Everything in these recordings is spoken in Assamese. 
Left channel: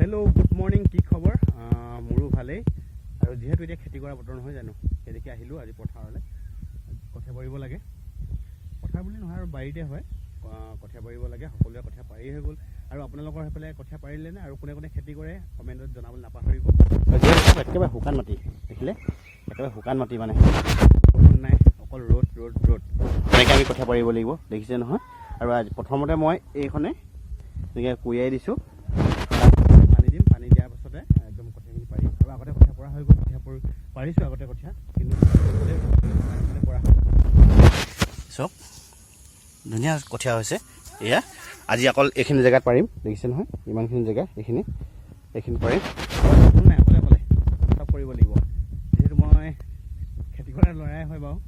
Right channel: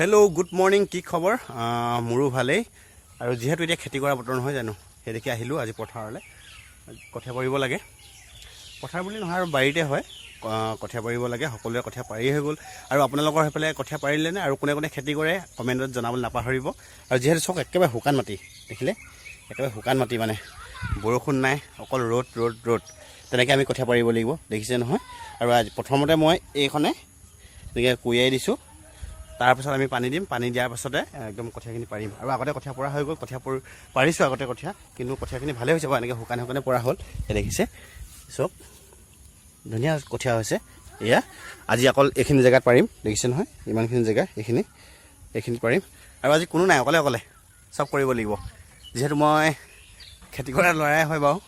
হেল্ল' গুড মৰ্নিং, কি খবৰ? মোৰো ভালেই। আৰু যিহেতু এতিয়া খেতি কৰা বতৰ নহয় জানো, সেইদেখি আহিলোঁ আজি পথাৰলৈ। কঠীয়া পাৰিব লাগে, পথাৰ বুলি নহয় আৰু বাৰীতে হয়। কঠীয়া পাৰিব লাগে, সকলোৱে কঠীয়া পাৰি হৈ গ'ল। আৰু আপোনালোকৰ সেইফালে কঠীয়া পাৰিলেনে? আৰু কোনে কোনে খেতি কৰে কমেণ্টত জনাবলৈ নাপাহৰিব। আৰু যিহেতু চব একেবাৰে শুকান মাটি, দেখিলে একেবাৰে শুকান মাটি, মানে বৰষুণ নাই, অকল ৰ'দ ৰ'দ ৰ'দ। তেনেকৈ আমি কঠীয়া পাৰিব লাগিব, দেখিছে নহয়। আৰু আজি প্ৰথমতে মই এইখনে এনেকৈ কুৰিয়াই দিছোঁ। তাৰপাছত আমি পানী দিম, পানী দিয়াৰ পাছতে একদম কঠীয়াখিনি পাৰিম। আৰু আগতে কঠীয়া পৰা হৈ গ'ল, কঠীয়া পাৰিছোঁ আগতে কঠীয়া, কিন্তু কঠীয়াখিনি ভালেই হৈছে বাৰু। এনেকৈ শুকানে শুকানে পৰা হ'ল, এই দেখিছে চব ধুনীয়া কঠীয়া হৈছে। এয়া আজি অকল এইখিনি জেগাত পাৰিম, দেখিছে নহয়, ইমানখিনি জেগা এইখিনি পাৰিম। আৰু আজি কোনো নাই, অকলে অকলে চব কৰিব লাগিব। যিহেতু মই খেতি কৰা ল'ৰাই হয় বাৰু,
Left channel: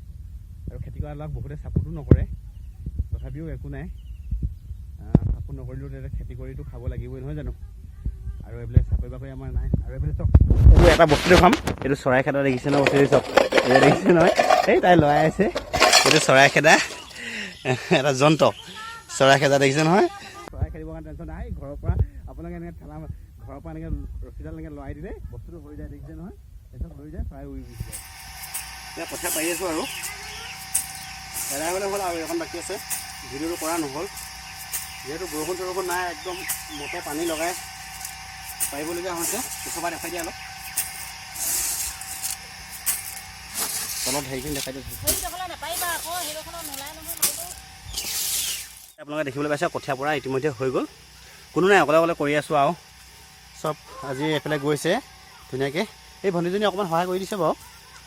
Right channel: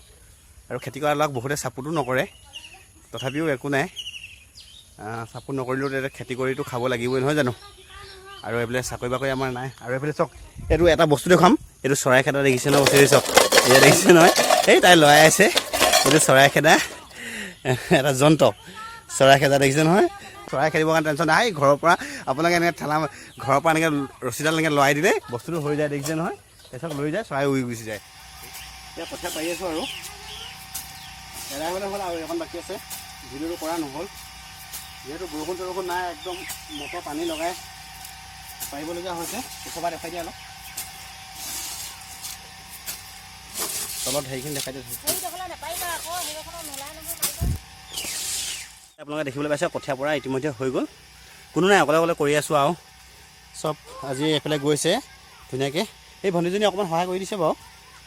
আৰু খেতি কৰা ল'ৰাক বহুতে ছাপোৰ্টো নকৰে, তথাপিও একো নাই, ছাপোৰ্ট নকৰিলেও তেতিয়া খেতি কৰিতো খাব লাগিবই নহয় জানো। আৰু এইফালে চাকৰি বাকৰি আমাৰ নাই। আৰু এইফালে চাওক, এইটো এটা বস্তু দেখুৱাম, এইটো চৰাই খেদা দেখিছে নহয়, বস্তু চাওক, এতিয়া দেখিছে নহয়, এই তাই লৰাই আছে, এইটো চৰাই খেদা এটা যন্ত্ৰ, চৰাই খেদা দেখিছে নহয়। চৰাই খেদিবৰ কাৰণে টেনশ্যন নাই, ঘৰৰ পৰা আপোনালোকে এনেকৈ ঠেলা, ঘৰৰ পৰা এনেকৈ ৰছীডাল এনেকৈ লৰাই দিলে বস্তুটো হৈ যায়, দেখিছে নহয়। তাৰপিছত লৈ যায়, চৰাই উৰি গুচি যায়। এতিয়া কঠীয়া পাৰি আছোঁ আৰু এৰাই হ'লে হ'ল, আৰু এখন বাকী আছে, ভিডিঅ'টো কৰা নহ'ল যিহেতু বৰষুণ চৰষুণ নাই, একদম মটৰ পানী লগাই পাৰিবলগীয়া হৈছে। ওচৰৰ পৰা দেখাই দিয়া অলপ, তলত হেৰিখিনি দেখাই দিয়া। আপোনালোকে দেখিবলৈ পাইছে কঠীয়া পৰা ইতিমধ্যে হৈ গ'ল, কোনো নাই, অকলে অকলে কৰি আছোঁ। আৰু চব আজি এইফালে গৈছে ধুনীয়াকৈ। এই ভণ্টিজনী অকণমান সহায় কৰি দিছে বাৰু,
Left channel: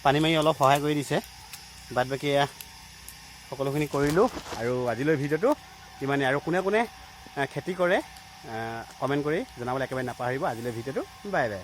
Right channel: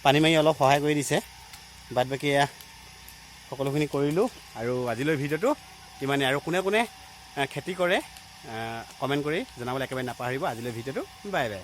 পানী মাৰি অলপ সহায় কৰি দিছে। বাদ বাকী সকলোখিনি কৰিলোঁ। আৰু আজিলৈ ভিডিঅ'টো ইমানেই। আৰু কোনে কোনে খেতি কৰে কমেণ্ট কৰি জনাবলৈ একেবাৰে নাপাহৰিব। আজিলৈ ভিডিঅ'টো বাই বাই।